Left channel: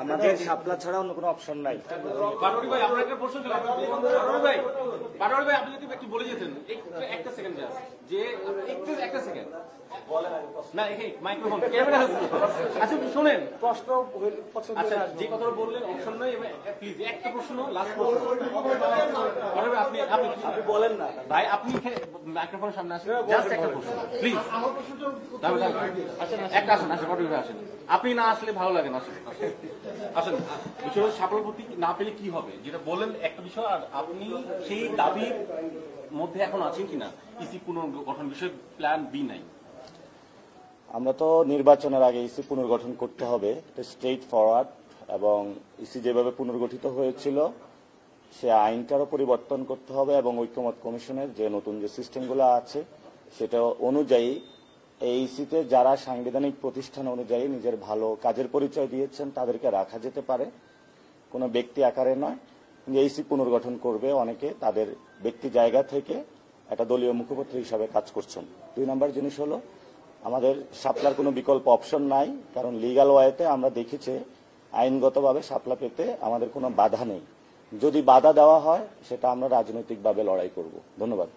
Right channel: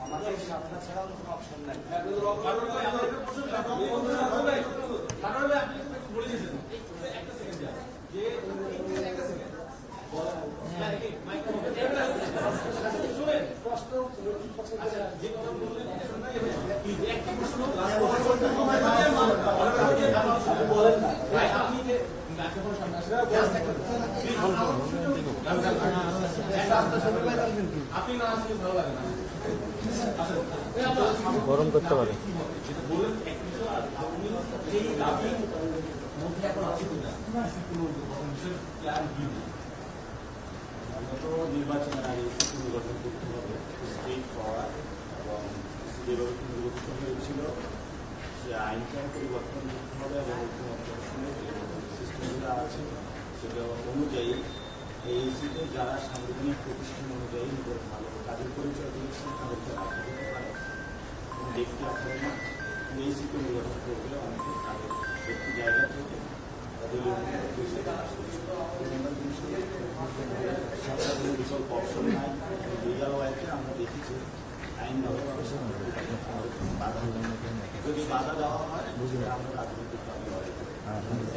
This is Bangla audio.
আমাদের শাপলা ছাড়া অন্য কোনো অপশন নাই। বারোয়ারি ভাই আপনার একটা প্রশ্ন ছিল। বারোয়ারি ভাই আপনি একটু বলে দিয়েছেন একটা সেকেন্ড যে একটা সেকেন্ড মাইক্রোফোন ক্যামেরা আচ্ছা শুনেন প্রশ্ন আচ্ছা যে কথাটা বললেন অপশন নাই প্লিজ একটা প্রশ্ন বলেন না ভাই আপনি মাইক্রোফোন সামনে আসেন জাস্ট একটা প্রশ্ন প্লিজ একটা আপনি না আসলে ভালো লাগে মানে গরম করতে পারেন কি হবে যেটা বলেন একটা বিষয় আর আপনি এই দাবির মধ্যে এখন আছেন কিনা ইসি পুনর্গঠন বিষয় প্ল্যান বি নাই। আমরা তো নির্বাচনের আগে ইসি পুনর্গঠন করতে হবে স্ট্রেট ফরওয়ার্ড, এবং ইসি যেভাবে পুনর্গঠিত হয়েছিল সে আইনটারও পরিবর্তন করতে হবে এবং ঐক্যমত কমিশনের যে নতুন যে সিস্টেমগুলো আছে সেটা অনুযায়ী এই ইসিতে যারা সাংবিধানিক প্রতিষ্ঠান অনুযায়ী নিজের ভালো কাজের পরিচয় দিয়েছেন তাদেরকে রাখা যেতে পারে, কোনো ব্যক্তি আকারে না। ইসি পুনর্গঠন করবে অনেকে তাদের ব্যক্তি জায়গা থেকে একটা দলীয় মুখপাত্র হিসাবে কাজ করছেন। 2 নম্বর জিনিস হলো আমাদের শাপলার কোনো বিকল্প অপশন নাই, কারণ লিগ্যাল ওয়েতে আমরা দেখেছি আইনগতভাবে শাপলা পেতে আমাদের কোনো বাধা নেই। যদি বাধা দেওয়া হয় সেটা আমরা রাজনৈতিকভাবে লড়াই করব। ধন্যবাদ।